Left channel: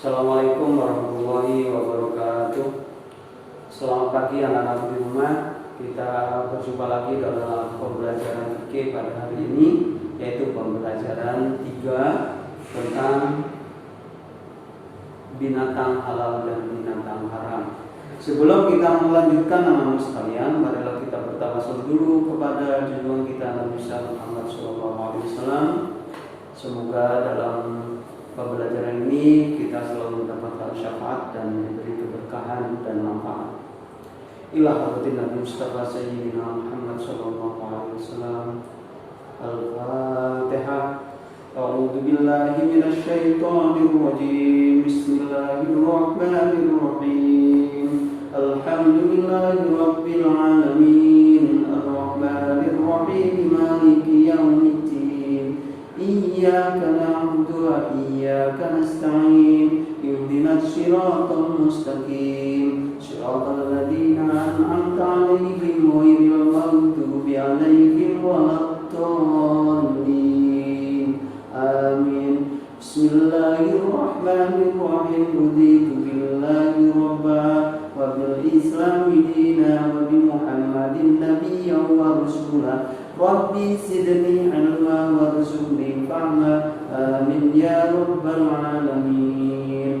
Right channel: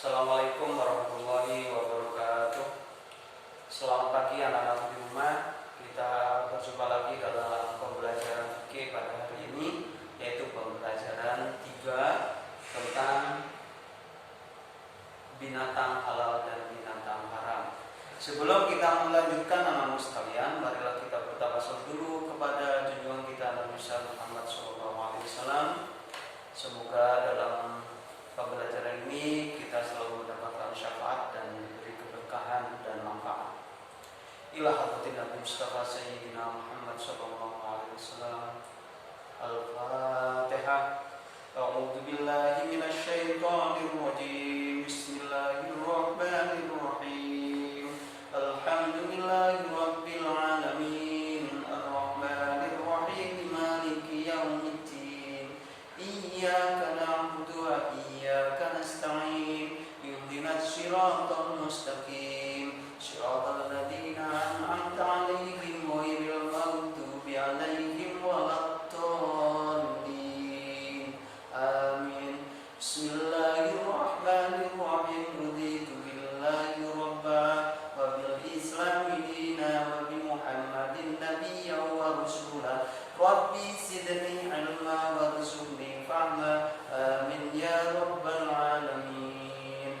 Assalamualaikum warahmatullahi wabarakatuh. Selamat pagi anak-anak di rumah. Kita berjumpa lagi dalam pembelajaran fikih pada hari ini, yaitu pembelajaran 3 tentang binatang halal dan binatang haram. Sebelum kita melanjutkan anak-anak sekalian, marilah kita bertawasul dulu kepada junjungan kita Nabi Muhammad SAW. Semoga dalam pembelajaran ini kita selalu mendapatkan syafaat dan diberi keberkahan dan manfaat. Ila hadratin Nabi Mustafa Sayyidina Muhammad sallallahu alaihi wasallam. Al-Fatihah. A'udzu billahi minasy syaithanir rajim. Bismillahirrahmanirrahim. Alhamdulillahi rabbil alamin. Ar-rahmanir rahim. Maliki yaumiddin. Iyyaka na'budu wa iyyaka nasta'in. Ihdinas siratal mustaqim. Siratal ladzina an'amta 'alaihim ghairil maghdubi 'alaihim waladdallin. Amin. Bismillahirrahmanirrahim. Raditu billahi rabba wa bil islami dina wa bi Muhammadin nabiyyan wa rasulah. Rabbi zidni ilma warzuqni fahma. Amin ya rabbal alamin.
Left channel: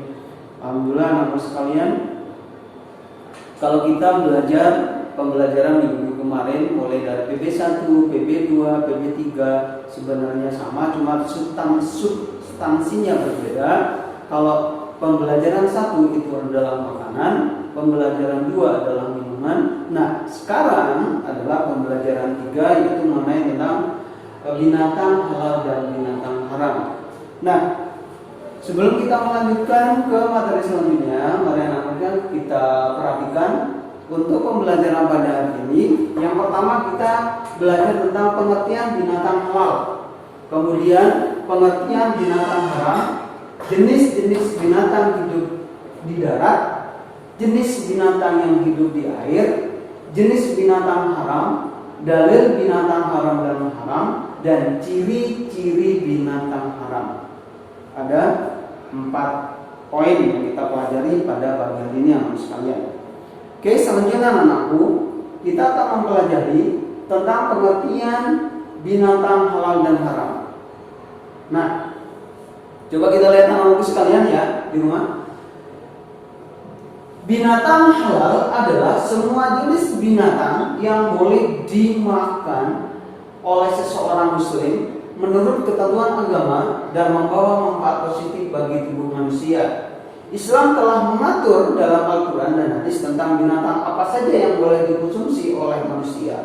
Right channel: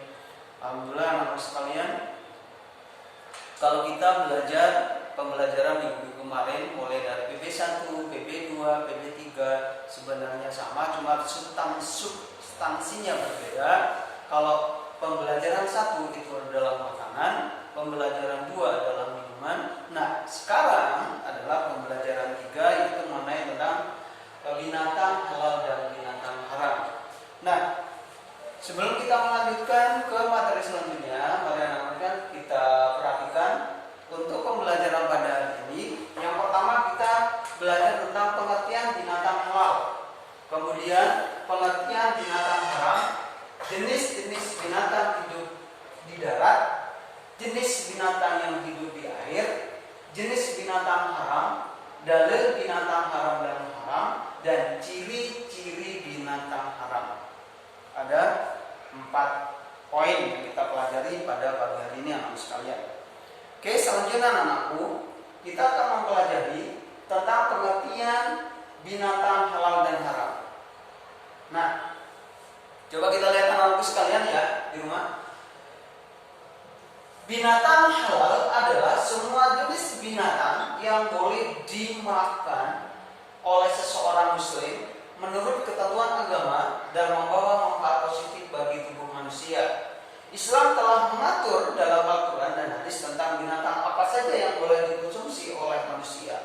Alhamdulillah anak sekalian, kalau kita belajar pembelajaran minggu kemarin mulai dari PB1, PB2, PB3 sebenarnya sama, cuma substansinya berbeda. Kalau pembelajaran 1 itu adalah makanan, pembelajaran 2 adalah minuman. Nah, sekarang adalah pembelajaran 3 yaitu mengenai tentang binatang halal dan binatang haram. Nah, sebelum kita melanjutkan ke materi selanjutnya, mari anak-anak kita perhatikan untuk pembelajaran pada hari ini. Yang pertama kita belajar tentang pengertian binatang halal, kemudian pengertian binatang haram, jenis-jenis binatang hidup di darat, jenis binatang yang hidup di air, jenis binatang haram, dalil binatang haram dan haram, dan ciri-ciri binatang haram. Ada 4 poin yang kita pelajari pada pagi hari ini anak sekalian. Oke, selanjutnya anakku, kita akan mempelajari tentang pengertian binatang halal dan haram. Nah, coba kita lihat anakku sekalian ya di rumah. Binatang halal adalah semua jenis binatang yang boleh dimakan oleh seseorang muslim menurut ketentuan agama dan membawa manfaat positif bagi tubuh manusia. Islam telah mengatur dalam Al-Quran dan hadis tentang binatang apa saja yang boleh dikonsumsi oleh manusia.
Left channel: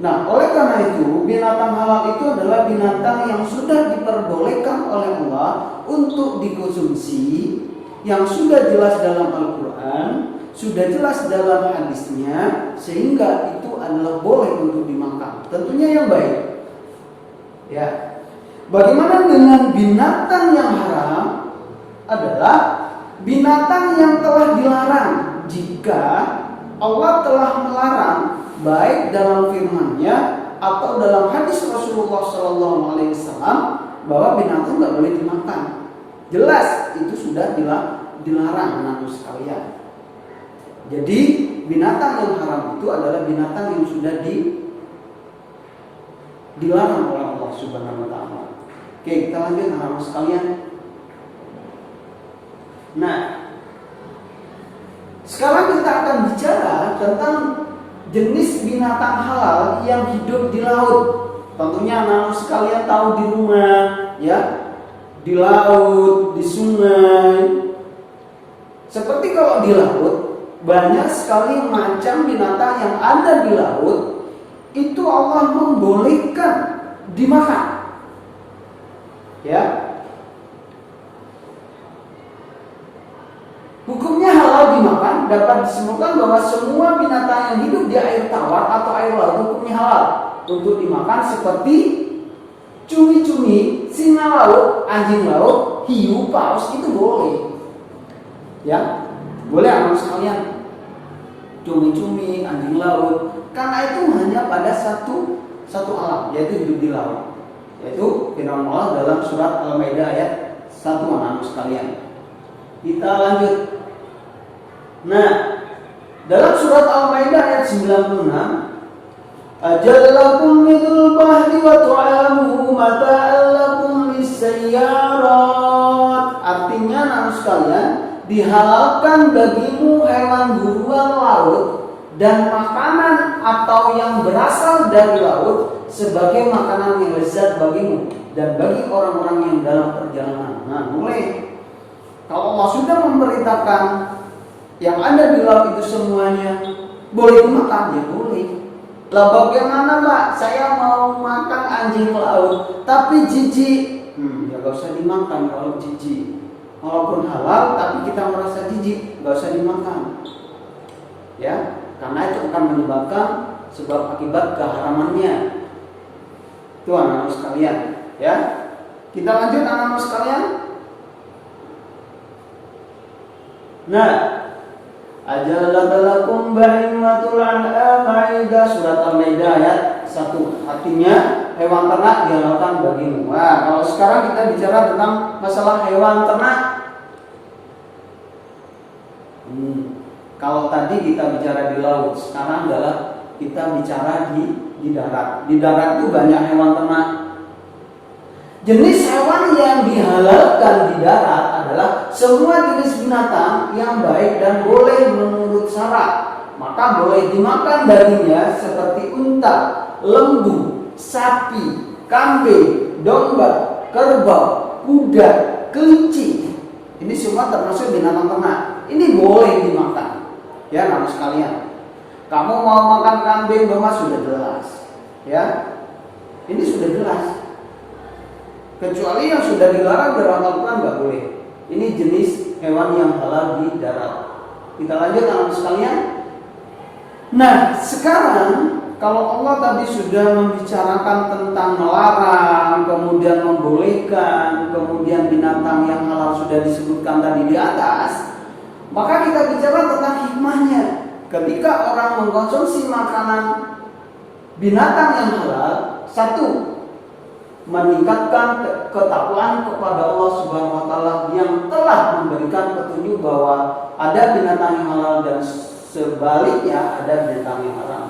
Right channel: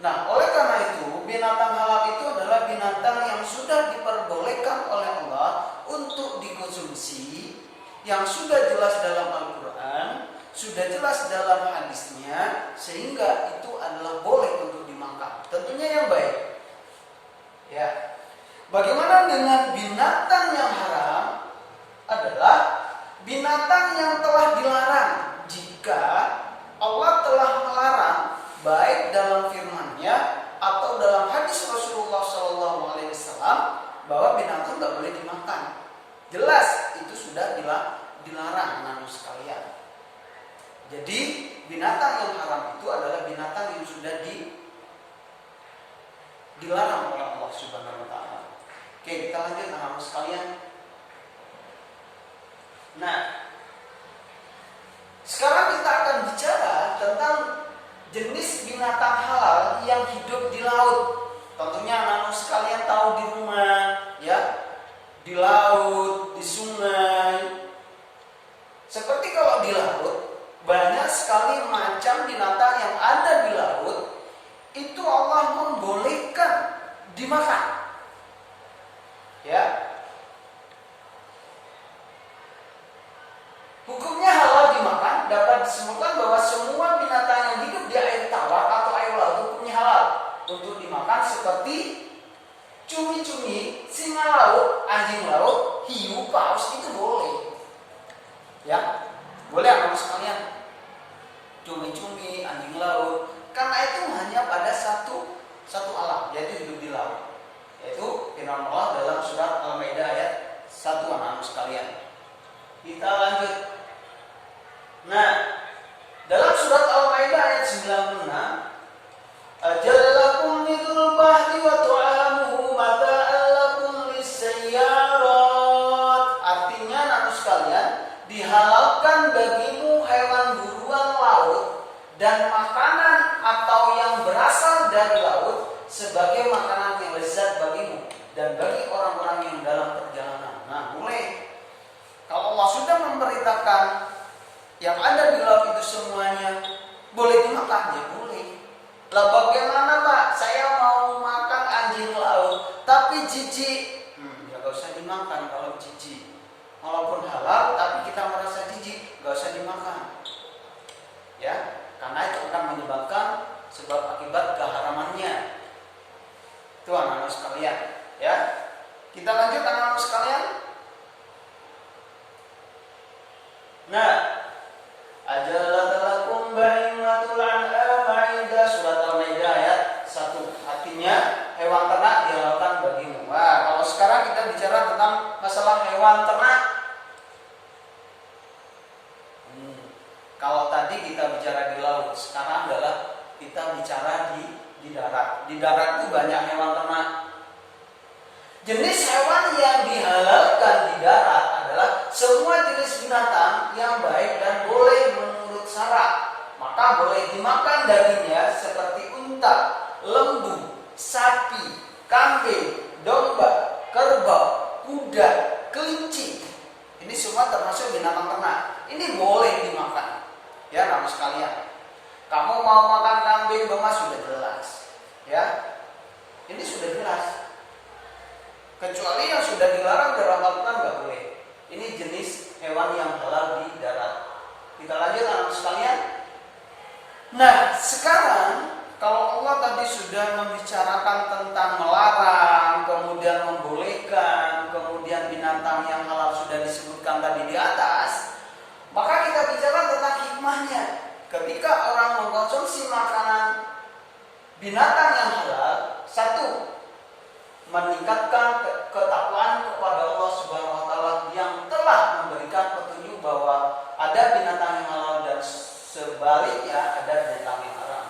Nah, oleh karena itu, binatang halal itu adalah binatang yang sudah diperbolehkan oleh Allah untuk dikonsumsi, yang sudah jelas dalam Al-Quran, sudah jelas dalam hadisnya, sehingga itu adalah boleh untuk dimakan. Tentunya yang baik. Ya. Bagaimana dengan binatang yang haram? Adalah binatang yang telah dilarang jika Allah telah melarang, baik dalam firman-Nya atau dalam hadis Rasulullah SAW, bahwa binatang nggak boleh dimakan. Jelas itu sudah dilarang anak-anak sekalian. Jadi binatang yang haram itu adalah binatang yang sudah dilarang oleh Allah Subhanahu wa taala. Oke, kita lanjut anak-anak sekalian. Nah, sekarang kita akan bicara tentang jenis binatang halal yang hidup di laut. Tentunya anak-anak sekalian tahu di rumah, ya, di laut, di sungai. Seperti kalau di laut, banyak sekali macam binatang yang ada di laut. Itu Allah membolehkan dimakan. Ya. Hukumnya halal dimakan, dapat disebutkan bahwa semua binatang yang hidup di air tawar atau air laut hukumnya halal untuk dimakan, seperti cumi-cumi, singa laut, anjing laut, hiu, paus, itu boleh. Ya, boleh anak sekalian. Cumi-cumi, anjing laut, karena itu hanya pada satu alam, yaitu hidup di laut. Yaitu firman Allah dalam surat Al-Maidah ayat 1 anak sekalian. Kita lanjut. Nah, dalam surat Al-Maidah ayat 96, Ajalakum midul bahri wa tu'amuhu mata'an lakum lisayyarat. Artinya anak sekalian, dihalalkan bagimu hewan buruan laut dan makanan atau yang berasal dari laut sebagai makanan yang lezat bagimu dan bagi orang-orang yang dalam perjalanan. Nah, mulai kalau Allah sudah memerintahkan yang ada di laut itu semuanya boleh dimakan, ya boleh. Lah bagaimana Pak? Saya mau makan anjing laut tapi jijik. Ya gak usah dimakan kalau jijik. Walaupun halal tapi kita merasa jijik, gak usah dimakan. Ya, karena itu akan menyebabkan sebab akibat keharamannya. Itu anak-anak sekalian, ya. Kita lanjut anak-anak sekalian. Nah, Ajalalakum bahimatul an'am Maidah surat Al-Maidah ayat 1. Artinya hewan ternak dihalalkan bagimu. Nah, kalau sekarang kita bicara tentang masalah hewan ternak. Kalau tadi kita bicara di laut, sekarang adalah kita bicara di darat. Di darat itu banyak hewan ternak. Jenis hewan yang dihalalkan di darat adalah semua jenis binatang yang baik dan boleh menurut syarak. Maka boleh dimakan dagingnya seperti unta, lembu, sapi, kambing, domba, kerbau, kuda, kelinci. Ini semua termasuk binatang ternak. Ini boleh dimakan. Ya, anak sekalian. Kamu mau makan kambing, domba sudah jelas. Ya. Ini sudah jelas. Kecuali yang sudah dilarang dalam Al-Quran nggak boleh. Ini jenis hewan yang halal di darat. Kita lanjut anak sekalian. Nah, sekarang kalau Allah tadi sudah membicarakan tentang melarang, kemudian membolehkan, kemudian binatang yang halal sudah disebutkan tadi di atas, maka kita bicara tentang hikmahnya. Ketika orang mengkonsumsi makanan binatang yang halal, satu, meningkatkan ketakwaan kepada Allah Subhanahu wa taala yang telah memberikan petunjuk bahwa ada binatang yang halal dan sebaliknya ada binatang yang haram.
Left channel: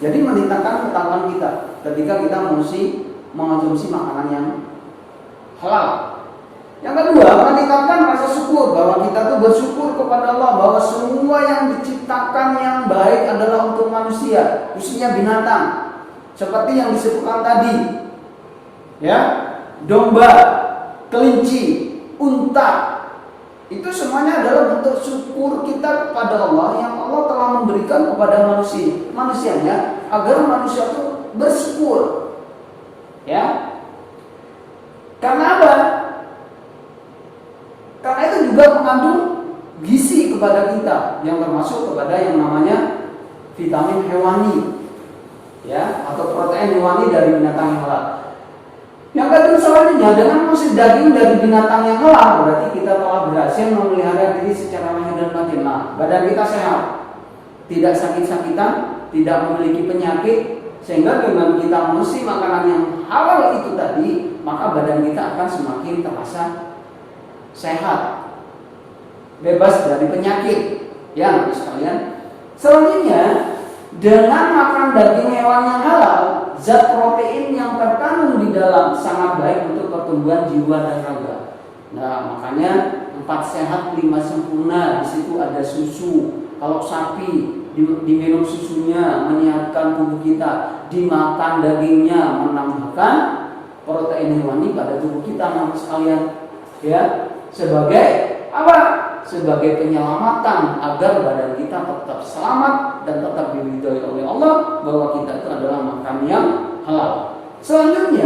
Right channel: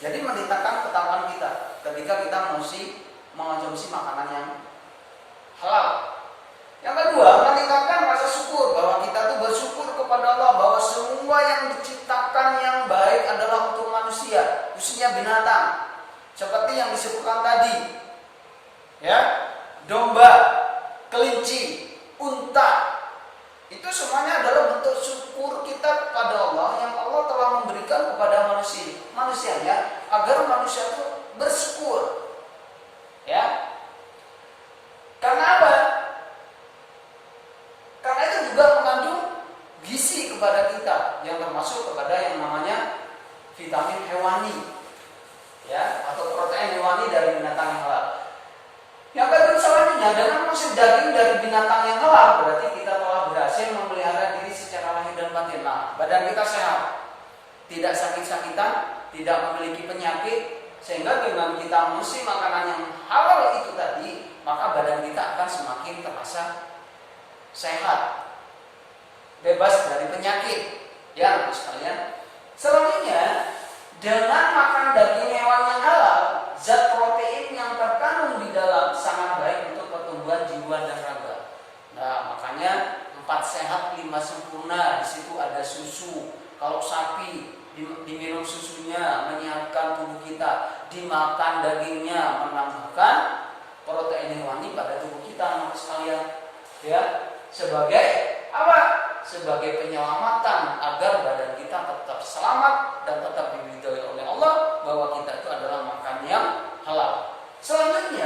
Jadi meningkatkan ketakwaan kita ketika kita mesti mengonsumsi makanan yang halal. Yang kedua, meningkatkan rasa syukur bahwa kita tuh bersyukur kepada Allah bahwa semua yang diciptakan yang baik adalah untuk manusia, khususnya binatang. Seperti yang disebutkan tadi. Ya, domba, kelinci, unta, itu semuanya adalah bentuk syukur kita kepada Allah yang Allah telah memberikan kepada manusianya agar manusia itu bersyukur. Ya, karena apa? Karena itu juga mengandung gizi kepada kita yang termasuk kepada yang namanya vitamin hewani, ya, atau protein hewani dari binatang yang halal. Yang kedua selanjutnya, dengan masih daging dari binatang yang halal, berarti kita telah berhasil memelihara diri secara lahir dan batin. Nah, badan kita sehat, tidak sakit-sakitan, tidak memiliki penyakit, sehingga dengan kita mengonsumsi makanan yang halal itu tadi, maka badan kita akan semakin terasa sehat, bebas dari penyakit. Ya, sekalian. Selanjutnya, dengan makan daging hewan yang halal, zat protein yang terkandung di dalam sangat baik untuk pertumbuhan jiwa dan raga. Nah, makanya 4 sehat 5 sempurna. Di situ ada susu. Kalau sapi diminum susunya menyehatkan tubuh kita, dimakan dagingnya menambahkan protein hewani pada tubuh kita, anak sekalian. Ya, sebagai apa? Sebagai penyelamatan agar badan kita tetap selamat dan tetap diridhoi oleh Allah, bahwa kita itu adalah makan yang halal. Selanjutnya,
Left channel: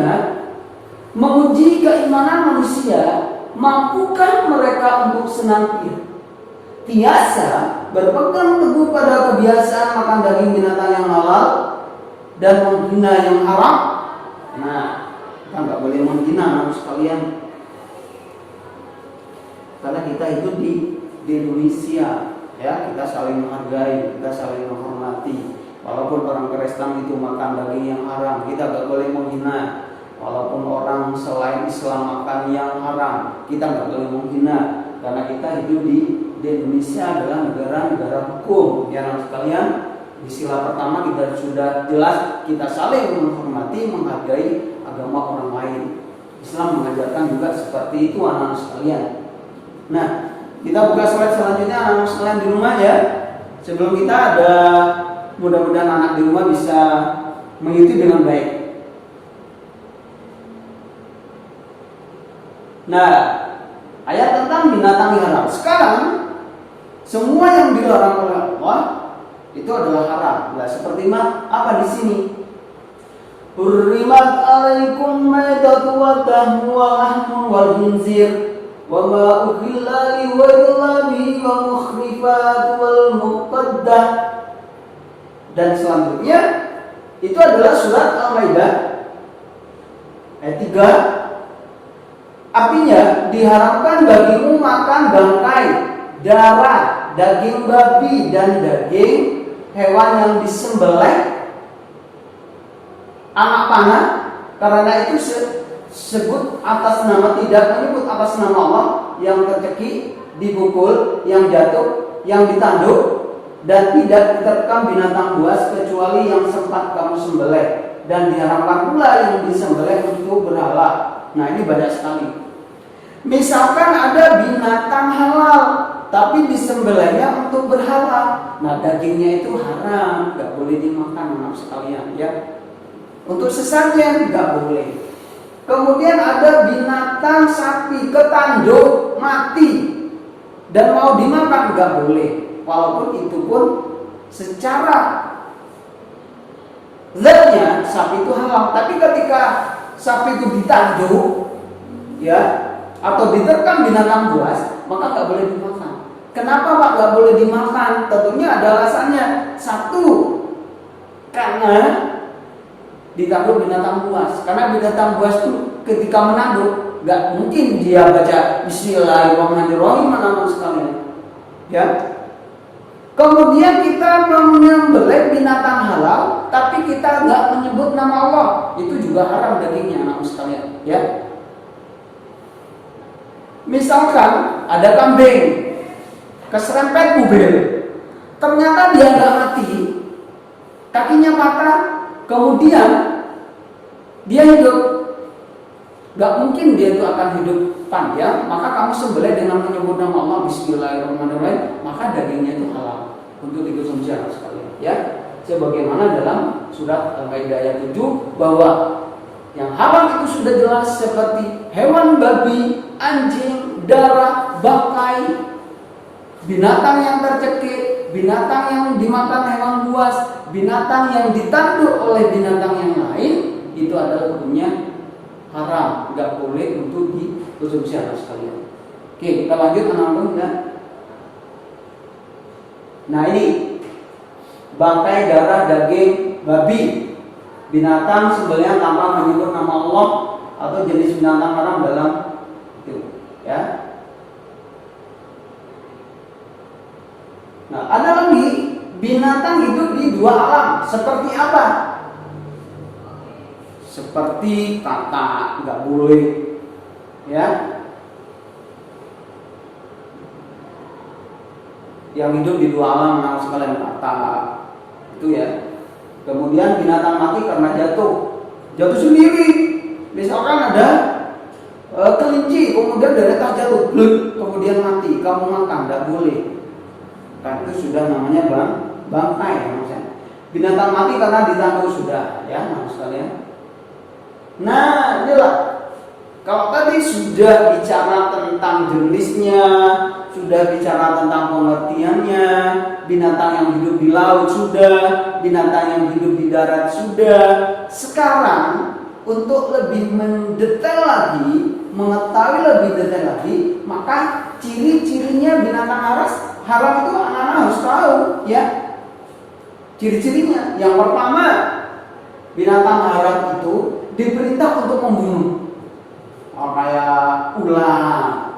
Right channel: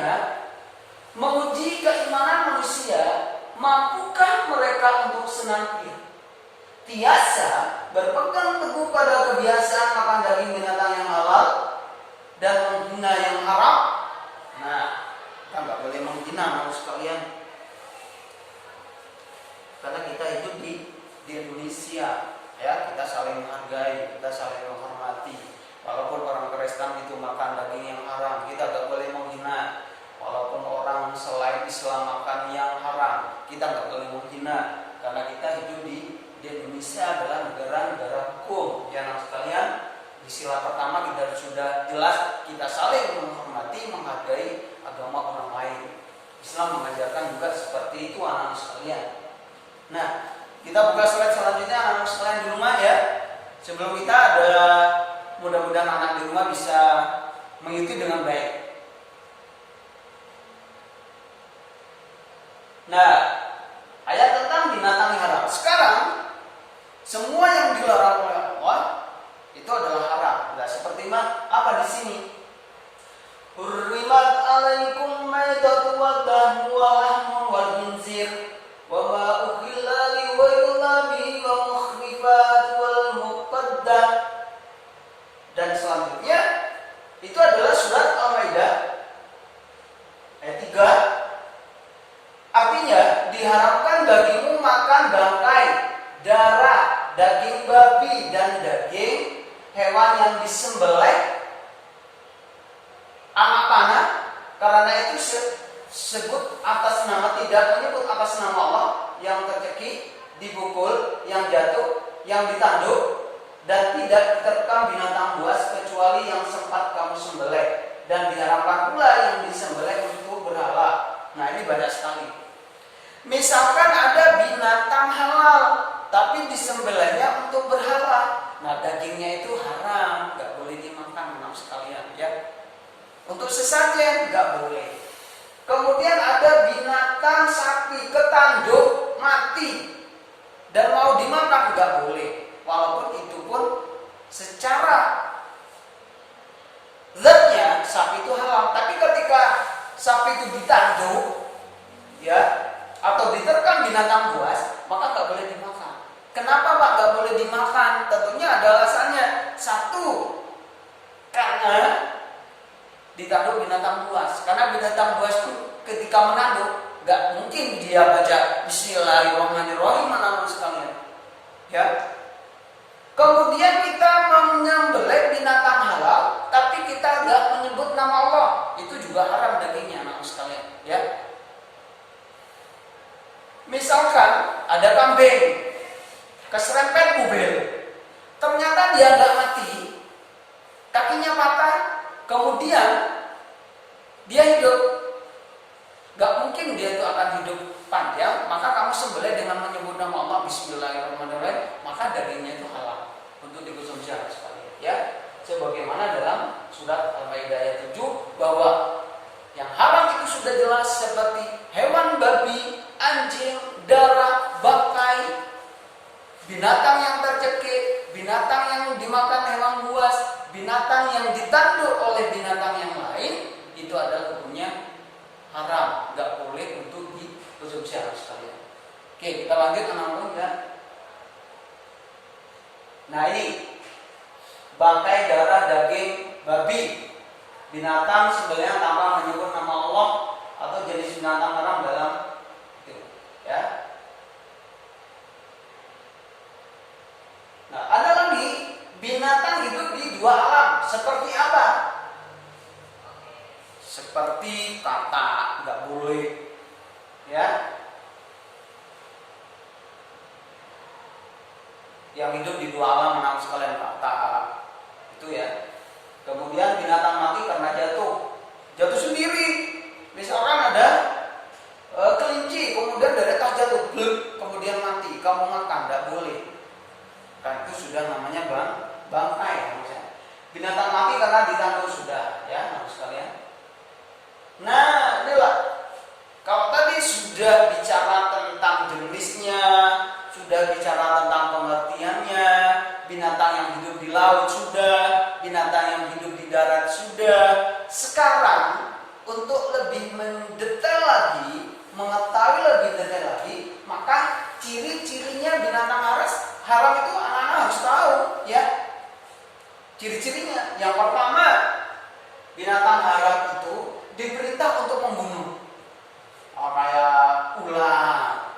menguji keimanan manusia, mampukah mereka untuk senantiasa berpegang teguh pada kebiasaan makan daging binatang yang halal dan menghina yang haram? Nah, kita nggak boleh menghina anak sekalian. Karena kita hidup di Indonesia, ya, kita saling menghargai, kita saling menghormati. Walaupun orang Kristen itu makan daging yang haram, kita nggak boleh menghina. Walaupun orang selain Islam makan yang haram, kita nggak boleh menghina. karena kita hidup di Indonesia adalah negara hukum. Yang sekalian, di sila pertama kita sudah jelas kita saling menghormati, menghargai agama orang lain. Islam mengajarkan juga seperti itu anak-anak sekalian. Nah, kita buka slide selanjutnya anak-anak sekalian di rumah ya. Sebelum kita ada, mudah-mudahan anak di rumah bisa mengikuti dengan baik. Nah, ayat tentang binatang haram. Sekarang semua yang dilarang oleh Allah itu adalah haram. Nah, seperti apa di sini? Hurrimat alaikum maitatu wa dahmu wa lahmu wal khinzir wa ma ukhilla li ghairillah wa mukhrifat wal muqaddah. Dan selanjutnya itu adalah surat Al-Maidah ayat 3. Artinya diharamkan bagimu makan bangkai, darah, daging babi dan daging hewan yang disembelih anak panah, karena itu sebut atas nama, tidak menyebut atas nama Allah, yang tercekik, dipukul, yang jatuh, yang ditanduk, dan tidak diterkam binatang buas kecuali yang sempat kamu sembelih, dan diharamkan pula yang disembelih untuk berhala. Nah, ini banyak sekali. Misalkan ada binatang halal tapi disembelihnya untuk berhala, nah dagingnya itu haram, nggak boleh dimakan anak sekalian ya. Untuk sesajen nggak boleh. Kemudian ada binatang sapi ketanduk mati dan mau dimakan nggak boleh, walaupun itu pun secara zatnya sapi itu halal, tapi ketika sapi itu ditanduk ya atau diterkam binatang buas, maka nggak boleh dimakan. Kenapa Pak nggak boleh dimakan? Tentunya ada alasannya. Satu, karena ditanduk binatang buas. Karena binatang buas itu ketika menanduk nggak mungkin dia baca Bismillahirrahmanirrahim anak-anak sekalian. Ya. Kemudian kita menyembelih binatang halal, tapi kita nggak menyebut nama Allah, itu juga haram dagingnya anak-anak sekalian. Ya. Misalkan ada kambing keserempet mobil, ternyata dia nggak mati, kakinya patah, kemudian dia hidup, nggak mungkin dia itu akan hidup panjang, maka kamu sembelih dengan menyebut nama Allah Bismillahirrahmanirrahim, maka dagingnya itu halal untuk dikonsumsi sekali. Ya, sebagaimana dalam surat Al-Maidah ayat 7 bahwa yang haram itu sudah jelas seperti hewan babi, anjing, darah, bangkai, binatang yang tercekik, binatang yang dimakan hewan buas, binatang yang ditanduk oleh binatang yang lain, itu adalah hukumnya haram, nggak boleh untuk dikonsumsi sekalian. Oke, kita lanjut anak-anak. Nah ini bangkai, darah, daging babi, binatang sembelihan tanpa menyebut nama Allah atau jenis binatang haram dalam itu, ya. Nah, ada lagi binatang hidup di dua alam. Seperti apa? Seperti katak, nggak boleh, ya. Yang hidup di dua alam, anak sekalian, katak, itu ya. Kemudian binatang mati karena jatuh sendiri. Misalkan ada kelinci, kemudian dari atas jatuh, kemudian mati, kamu makan, nggak boleh. Kan itu sudah namanya bangkai, ya. Binatang mati karena ditanduk sudah, ya, anak sekalian. Nah, inilah. Kalau tadi sudah bicara tentang jenisnya, sudah bicara tentang pengertiannya, binatang yang hidup di laut sudah, binatang yang hidup di darat sudah. Sekarang untuk lebih mendetail lagi, mengetahui lebih detail lagi, maka ciri-cirinya binatang haram itu anak-anak harus tahu, ya. Ciri-cirinya, yang pertama, binatang haram itu diperintah untuk membunuh. Kayak ular,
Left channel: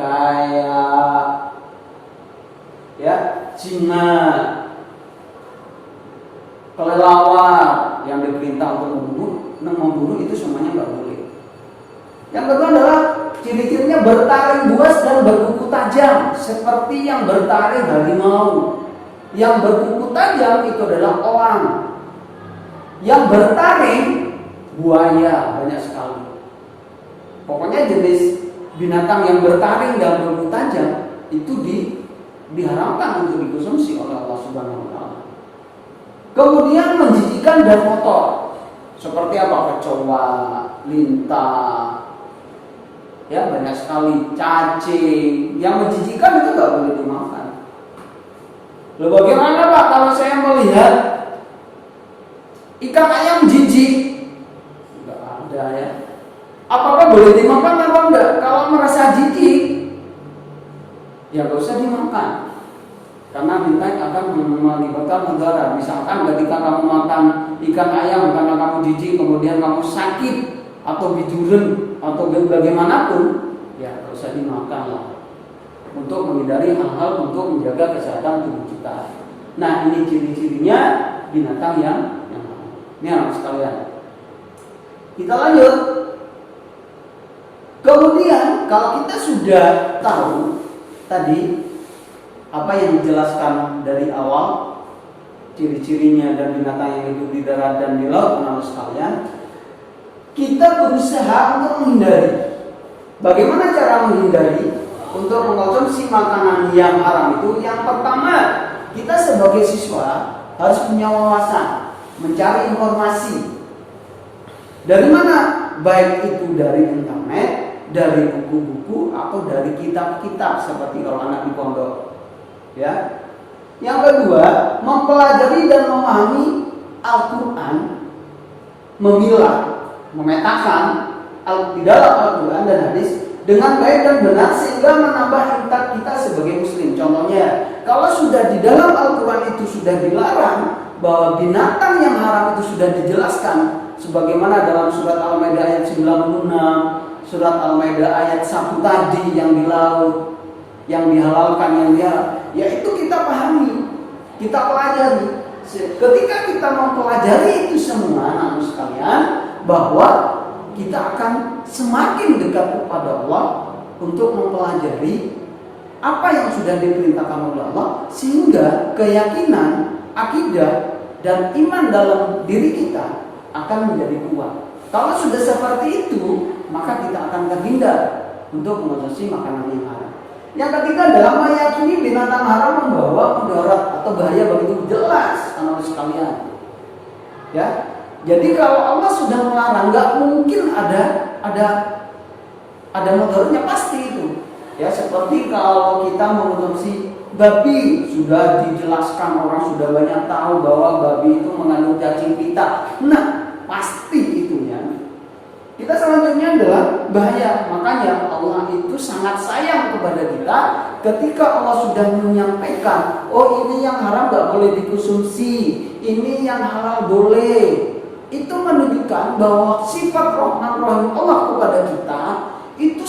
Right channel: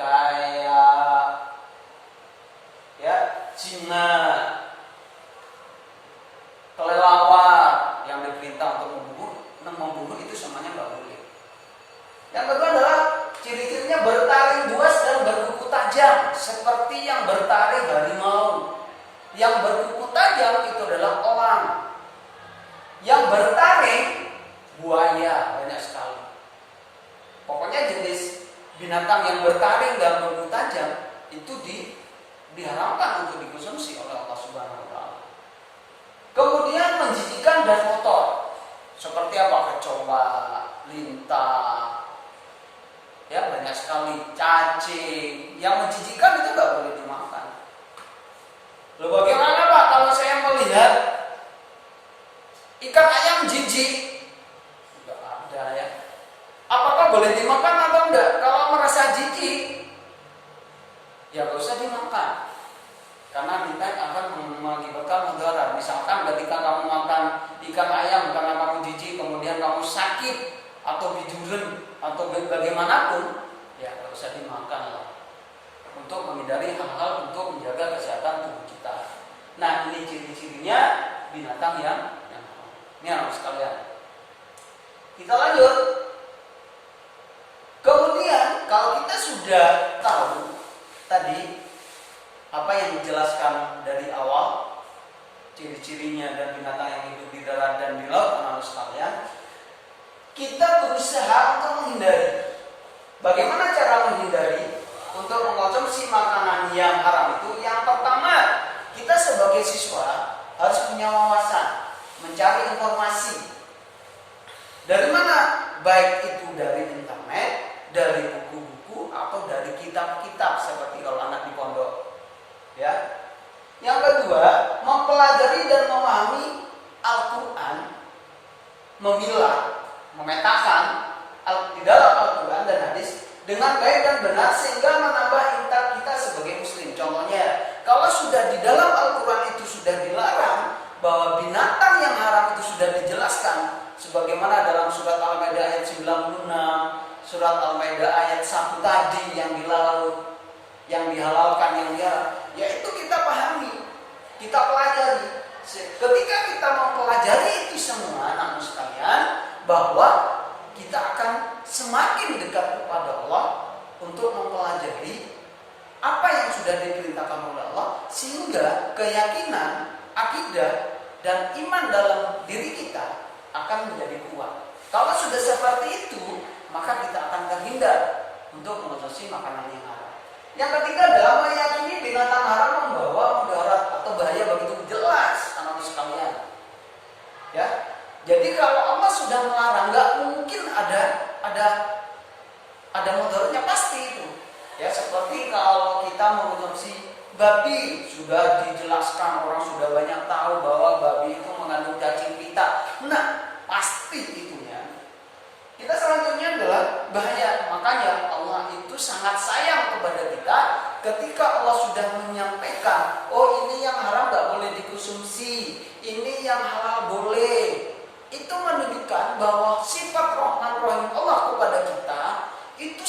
kayak ya jimat, kelelawar yang diperintah untuk membunuh itu semuanya nggak boleh. Yang kedua adalah ciri-cirinya bertaring buas dan berkuku tajam seperti yang bertaring harimau. Yang berkuku tajam itu adalah elang. Yang bertaring buaya, banyak sekali. Pokoknya jenis binatang yang bertaring dan berkuku tajam itu diharamkan untuk dikonsumsi oleh Allah Subhanahu wa taala. Kemudian menjijikkan dan kotor. Seperti apa? Kecoa, lintah, ya banyak sekali, cacing. Yang menjijikkan itu nggak boleh dimakan. Lalu bagaimana Pak kalau saya melihat ikan ayam jijik? Nggak ada ya. Apakah boleh dimakan atau enggak? Kalau merasa jijik, ya nggak usah dimakan. Karena bintang akan mengakibatkan mudarat. Misalkan ketika kamu makan ikan ayam karena kamu jijik, kemudian kamu sakit atau biduren atau bagaimanapun, ya nggak usah dimakan lah. Untuk menghindari hal-hal untuk menjaga kesehatan tubuh kita. Nah ini ciri-cirinya binatang yang ini anak sekalian. Kita lanjut. Kemudian kalau kita sudah tahu tadi apa yang dijelaskan dari awal, ciri-cirinya dan binatang yang hidup di darat dan di laut, anak sekalian, kita berusaha untuk menghindari. Bagaimana cara menghindari? Untuk mengkonsumsi makanan yang haram itu, yang pertama, kita sebagai siswa harus punya wawasan, mencari informasi. Dari mana? Baik itu dari internet, dari buku-buku, atau dari kitab-kitab seperti kalau anak di pondok. Ya. Yang kedua, mempelajari dan memahami Al-Quran, memilah, memetakan di dalam Al-Quran dan hadis dengan baik dan benar sehingga menambah intak kita sebagai muslim. Contohnya, kalau sudah di dalam Al-Quran itu sudah dilarang bahwa binatang yang haram itu sudah dijelaskan, sebagaimana dalam surat Al-Maidah ayat 96, surat Al-Maidah ayat 1 tadi yang di laut, yang dihalalkan, yang diharam, yaitu kita pahami, kita pelajari. Ketika kita mempelajari itu semua, namun sekalian, bahwa kita akan semakin dekat kepada Allah untuk mempelajari apa yang sudah diperintahkan oleh Allah, sehingga keyakinan, akidah, dan iman dalam diri kita akan menjadi kuat. Kalau sudah seperti itu, maka kita akan terhindar untuk mengonsumsi makanan yang haram. Yang ketiga adalah meyakini binatang haram membawa mudarat atau bahaya begitu jelas, anak sekalian. Ya, jadi kalau Allah sudah melarang, nggak mungkin ada mudaratnya, pasti itu. Ya, seperti kalau kita mengonsumsi babi, sudah dijelaskan, orang sudah banyak tahu bahwa babi itu mengandung cacing pita. Nah, pasti itunya. Kita selanjutnya adalah bahaya. Makanya Allah itu sangat sayang kepada kita ketika Allah sudah menyampaikan, oh ini yang haram gak boleh dikonsumsi, ini yang halal boleh. Itu menunjukkan bahwa sifat Rahman Rahim Allah kepada kita itu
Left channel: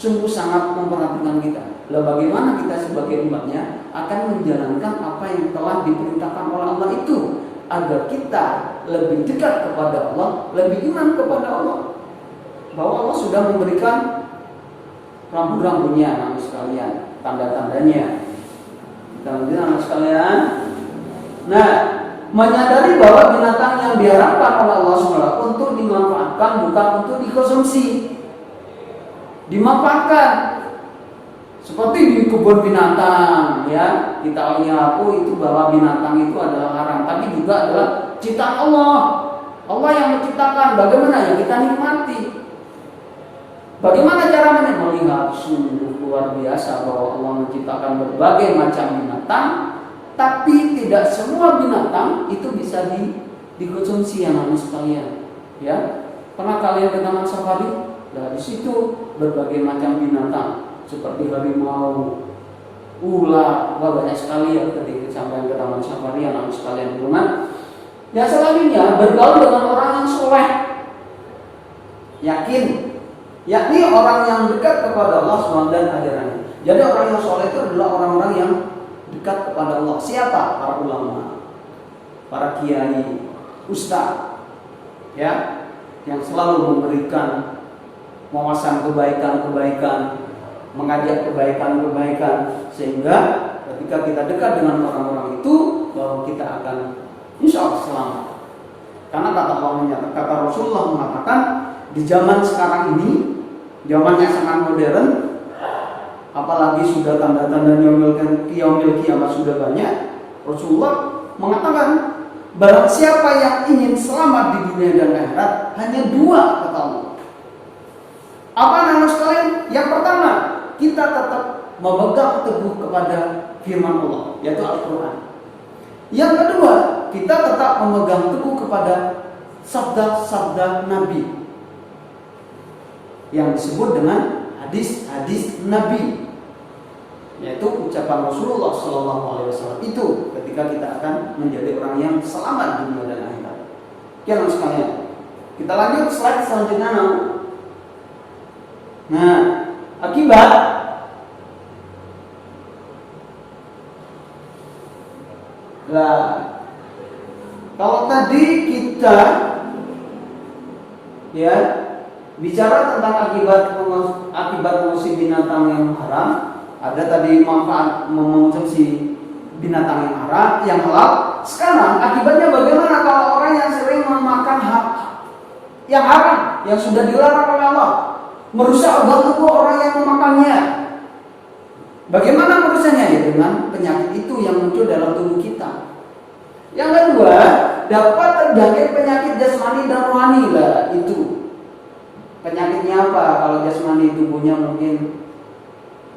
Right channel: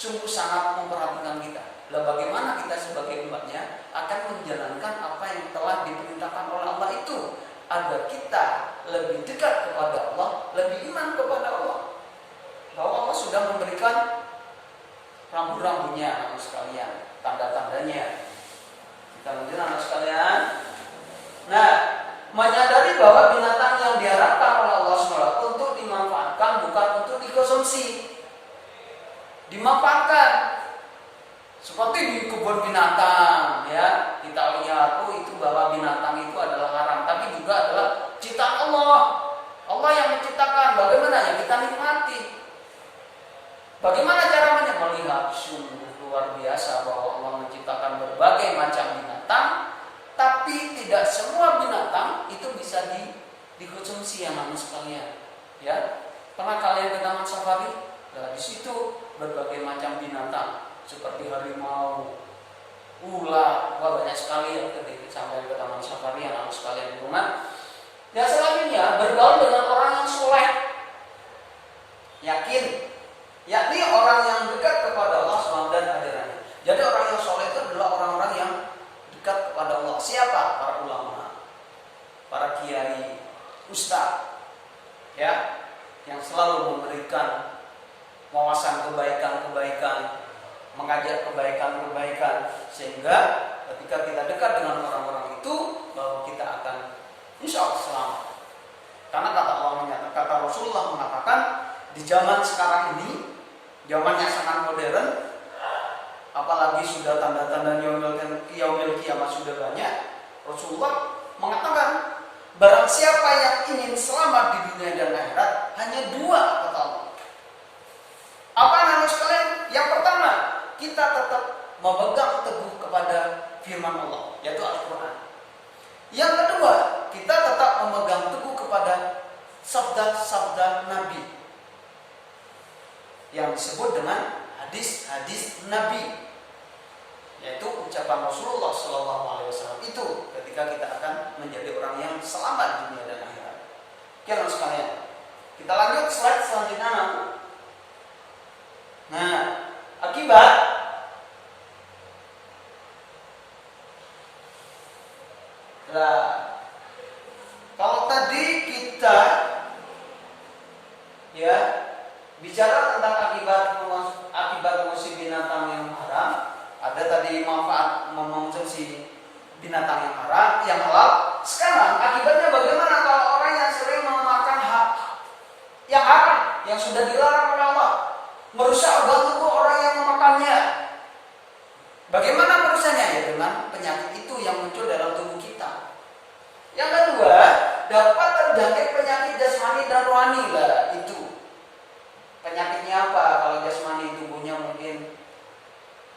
sungguh sangat memperhatikan kita. Lalu bagaimana kita sebagai umatnya akan menjalankan apa yang telah diperintahkan oleh Allah itu, agar kita lebih dekat kepada Allah, lebih iman kepada Allah. Bahwa Allah sudah memberikan rambu-rambunya, anak sekalian, tanda-tandanya. Kita lanjut, anak sekalian. Nah, menyadari bahwa binatang yang diharapkan oleh Allah SWT untuk dimanfaatkan, bukan untuk dikonsumsi. Dimanfaatkan. Seperti di kebun binatang, ya, kita mengaku itu bahwa binatang itu adalah haram, tapi juga adalah ciptaan Allah. Allah yang menciptakan. Bagaimana ya kita nikmati? Bagaimana caranya? Melihat sungguh luar biasa bahwa Allah menciptakan berbagai macam binatang, tapi tidak semua binatang itu bisa dikonsumsi, anak sekalian. Ya, pernah kalian ke taman safari? Ya, di situ berbagai macam binatang. Seperti harimau, ular, banyak sekali yang ketika sampai ke taman safari, anak sekalian di rumah. Dan selanjutnya bergaul dengan orang yang soleh, yakin, yakni orang yang dekat kepada Allah SWT dan ajarannya. Jadi orang yang soleh itu adalah orang-orang yang dekat kepada Allah. Siapa? Para ulama, para kiai, ustaz, ya. yang selalu memberikan wawasan kebaikan-kebaikan, mengajak kebaikan-kebaikan, sehingga ketika kita dekat dengan orang-orang itu, bahwa kita akan insya Allah selamat. Karena kata Rasulullah mengatakan, di zaman sekarang ini, zaman yang sangat modern, apalagi sudah tanda-tanda yaumil kiamat sudah banyak, Rasulullah mengatakan, barang siapa yang ingin selamat di dunia dan akhirat, hanya dua, kata Allah. Apa nama sekalian? Yang pertama, kita tetap memegang teguh kepada firman Allah, yaitu Al-Quran. Yang kedua, kita tetap memegang teguh kepada sabda-sabda Nabi, yang disebut dengan hadis-hadis Nabi, yaitu ucapan Rasulullah SAW itu ketika kita akan menjadi orang yang selamat di dunia dan akhirat. Oke, sekalian, kita lanjut slide selanjutnya. Nah, akibat kalau tadi kita bicara tentang akibat mengonsumsi binatang yang haram, ada tadi manfaat mengonsumsi binatang yang haram, yang halal. Sekarang akibatnya bagaimana kalau orang yang sering memakan yang haram, yang sudah dilarang oleh Allah, merusak organ tubuh orang yang memakannya. Bagaimana merusaknya? Ya, dengan penyakit itu yang muncul dalam tubuh kita. Yang kedua, dapat terjangkit penyakit jasmani dan rohani lah itu. Penyakitnya apa? Kalau jasmani, tubuhnya mungkin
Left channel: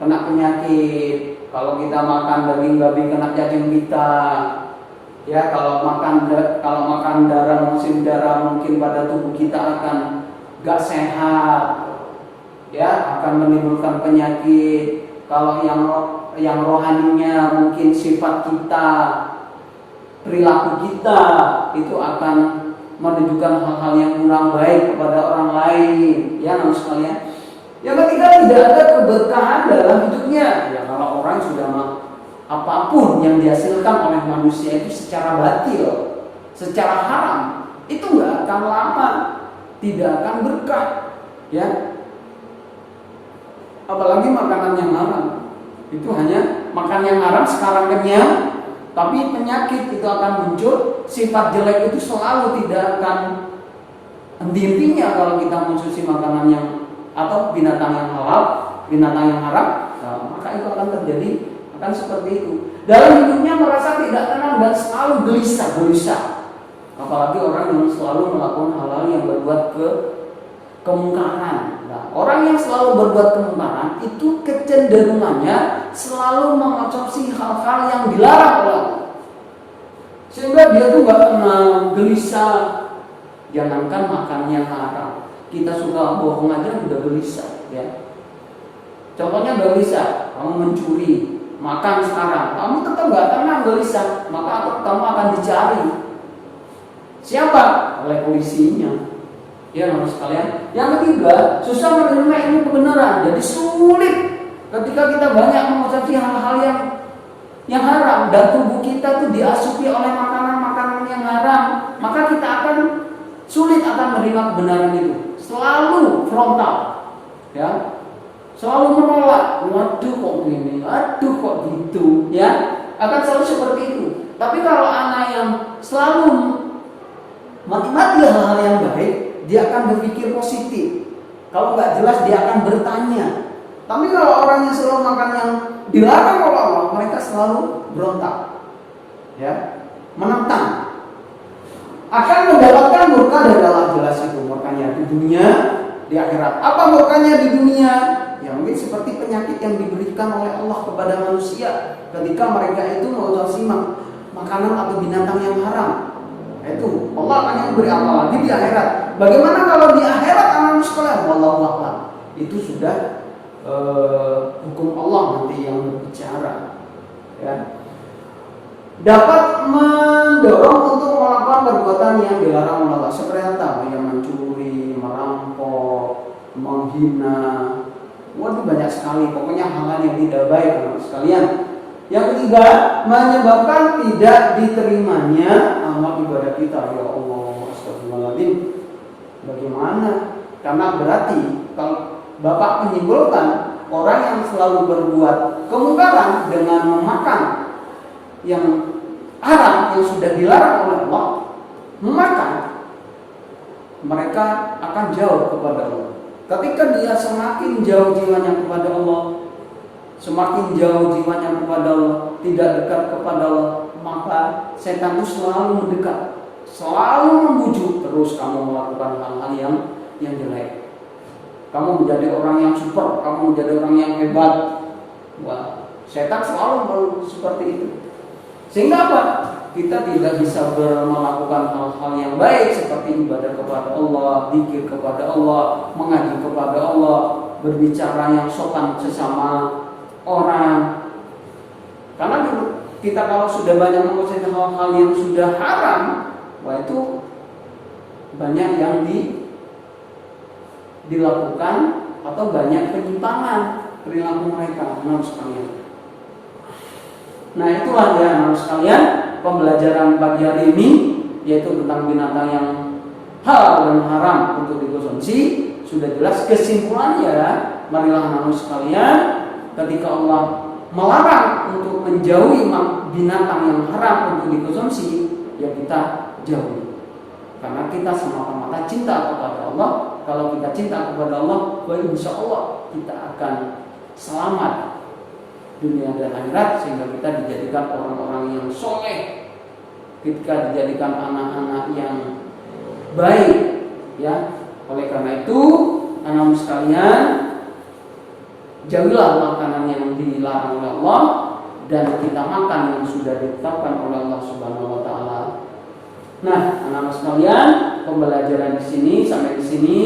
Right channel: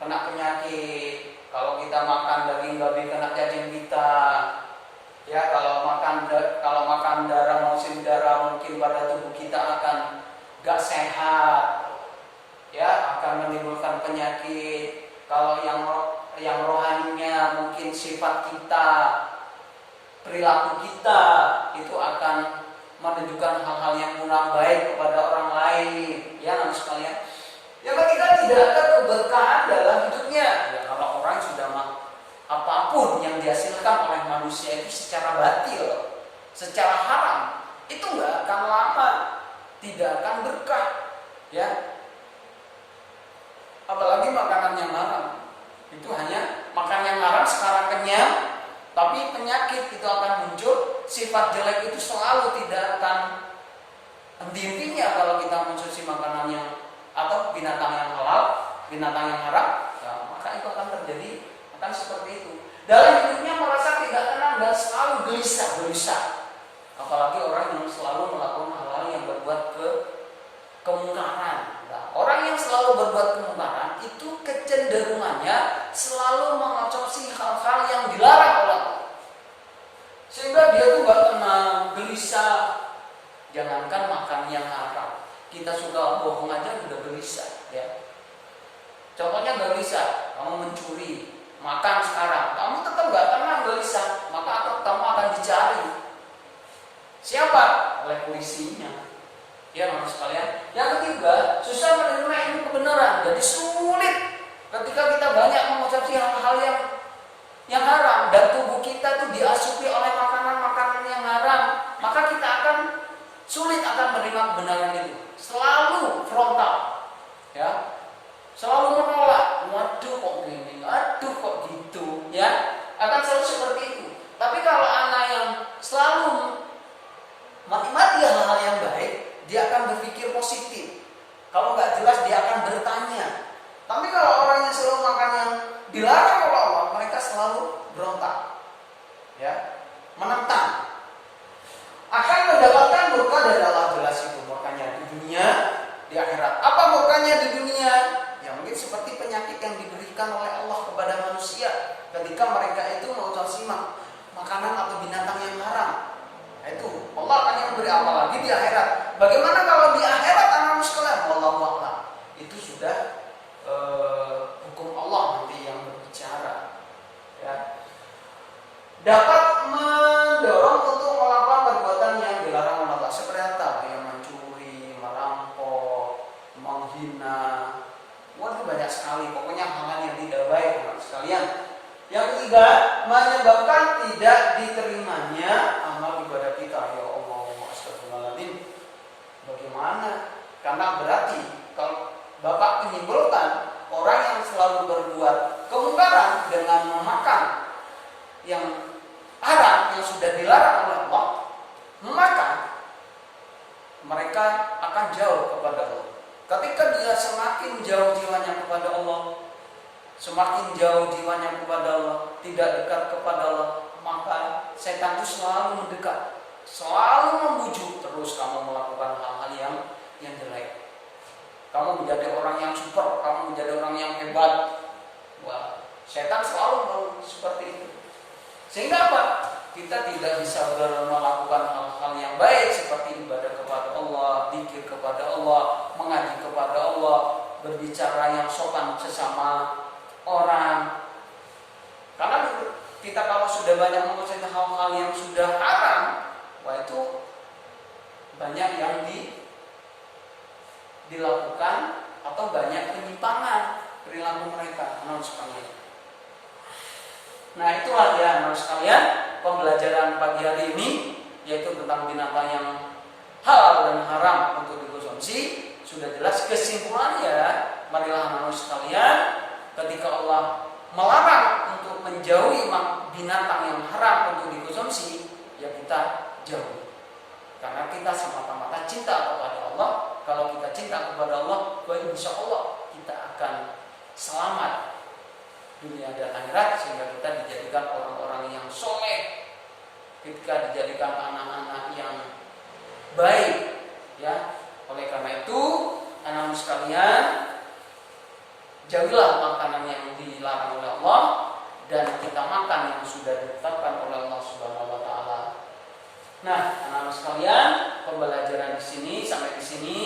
kena penyakit. Kalau kita makan daging babi, kena cacing pita. Ya, kalau makan darah, musim darah, mungkin pada tubuh kita akan gak sehat. Ya, akan menimbulkan penyakit. Kalau yang rohaninya mungkin sifat kita, perilaku kita itu akan menunjukkan hal-hal yang kurang baik kepada orang lain. Ya, namun sekalian, yang ketiga, tidak ada keberkahan dalam hidupnya. Ya, kalau orang sudah apapun yang dihasilkan oleh manusia itu secara batil, secara haram, itu nggak akan lama, tidak akan berkah. Ya, apalagi makanan yang haram, itu hanya makan yang haram sekarang kenyang, tapi penyakit itu akan muncul. Sifat jelek itu selalu tidak akan henti-hentinya kalau kita mengonsumsi makanan yang atau binatang yang halal, binatang yang haram, maka itu akan terjadi, akan seperti itu. Dalam hidupnya merasa tidak tenang dan selalu gelisah. Apalagi orang yang selalu melakukan hal-hal yang berbuat kemungkaran. Nah, orang yang selalu berbuat kemungkaran itu kecenderungannya selalu mengonsumsi hal-hal yang dilarang oleh Allah, sehingga dia tuh gak tenang, gelisah. Jangankan makan yang haram, kita suka bohong aja udah gelisah. Ya, contohnya gelisah, kamu mencuri, makan sekarang, kamu tetap gak tenang, gelisah, maka kamu akan dicari. Siapa? Oleh polisinya. Ya, harus sekalian. Yang ketiga, susah menerima ilmu kebenaran. Jadi sulit ketika kita banyak mengonsumsi hal-hal yang haram dan tubuh kita tuh diasupi oleh makanan-makanan yang haram, maka kita akan sulit akan menerima kebenaran itu. Selalu frontal, ya, selalu menolak. Waduh kok gini, aduh kok gitu, ya, akan selalu seperti itu. Tapi kalau anak yang selalu menikmati hal-hal yang baik, dia akan berpikir positif. Kalau nggak jelas dia akan bertanya. Tapi kalau orang yang selalu makan yang dilarang oleh Allah, mereka selalu berontak, ya, menentang. Akan mendapatkan murka dari Allah, jelas itu murkanya di dunia, di akhirat. Apa murkanya di dunia? Ya mungkin seperti penyakit yang diberikan oleh Allah kepada manusia ketika mereka itu mengonsumsi makanan atau binatang yang haram. Itu Allah akan memberi apa lagi di akhirat. Bagaimana kalau di akhirat anak sekolah? Wallahu a'lam. Itu sudah hukum Allah nanti yang berbicara. Ya. Dapat mendorong untuk melakukan perbuatan yang dilarang oleh Allah, seperti yang mencuri, merampok, menghina. Waduh, banyak sekali. Pokoknya hal-hal yang tidak baik, sekalian. Yang ketiga, menyebabkan tidak diterimanya amal ibadah kita. Ya Allah, astagfirullahaladzim. Bagaimana Karena berarti kalau Bapak menyimpulkan orang yang selalu berbuat kemungkaran dengan memakan yang haram yang sudah dilarang oleh Allah, maka mereka akan jauh kepada Allah. Ketika dia semakin jauh jiwanya kepada Allah, semakin jauh jiwanya kepada Allah, tidak dekat kepada Allah, maka setan itu selalu mendekat, selalu membujuk terus kamu melakukan hal-hal yang jelek. Kamu menjadi orang yang super, kamu menjadi orang yang hebat. Wah, setan selalu seperti itu. Sehingga apa? Kita tidak bisa melakukan hal-hal yang baik seperti ibadah kepada Allah, zikir kepada Allah, mengaji kepada Allah, berbicara yang sopan sesama orang. Karena kita kalau sudah banyak menguasai hal-hal yang sudah haram, wah itu banyak yang dilakukan atau banyak penyimpangan perilaku mereka. Nah itulah ya anak sekalian, pembelajaran pagi hari ini yaitu tentang binatang yang halal dan haram untuk dikonsumsi. Sudah jelas kesimpulannya, marilah anak sekalian, ketika Allah melarang untuk menjauhi binatang yang haram untuk dikonsumsi, ya kita jauhi. Karena kita semata-mata cinta kepada Allah. Kalau kita cinta kepada Allah, insya Allah kita akan selamat dunia dan akhirat, sehingga kita dijadikan orang-orang yang soleh, kita dijadikan anak-anak yang baik, ya. Oleh karena itu, anak sekalian, jauhilah makanan yang dilarang oleh Allah dan kita makan yang sudah ditetapkan oleh Allah Subhanahu wa taala. Nah, anak-anak sekalian, pembelajaran di sini sampai di sini,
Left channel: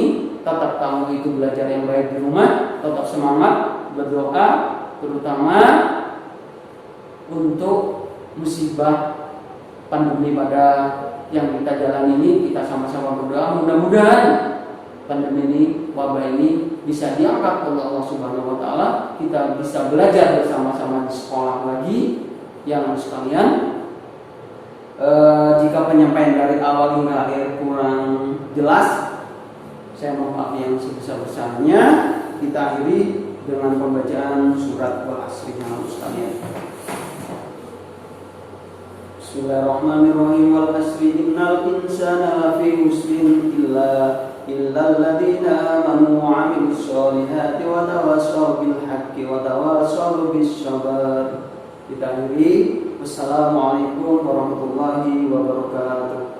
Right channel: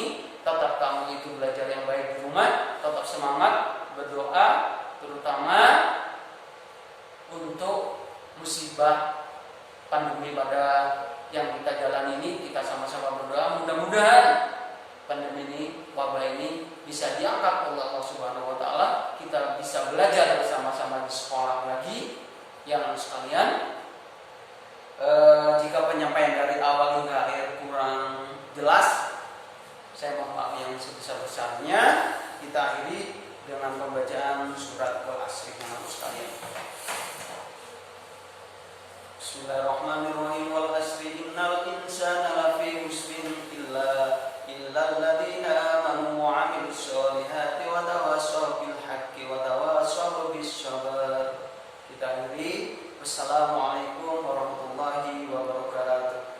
tetap kamu itu belajar yang baik di rumah, tetap semangat berdoa, terutama untuk musibah pandemi pada yang kita jalani ini. Kita sama-sama berdoa mudah-mudahan pandemi ini, wabah ini bisa diangkat oleh Allah Subhanahu wa taala. Kita bisa belajar bersama-sama di sekolah lagi. Yang sekalian, jika penyampaian dari awal hingga akhir kurang jelas, saya mohon maaf yang sebesar-besarnya. Kita akhiri dengan pembacaan surat Al-Asr. Bismillahirrahmanirrahim. Wal asri innal insana lafi khusrin illa alladzina amanu wa 'amilus sholihati wa tawassaw bil haqqi wa tawassaw bis sabr. Kita akhiri. Wassalamualaikum warahmatullahi wabarakatuh.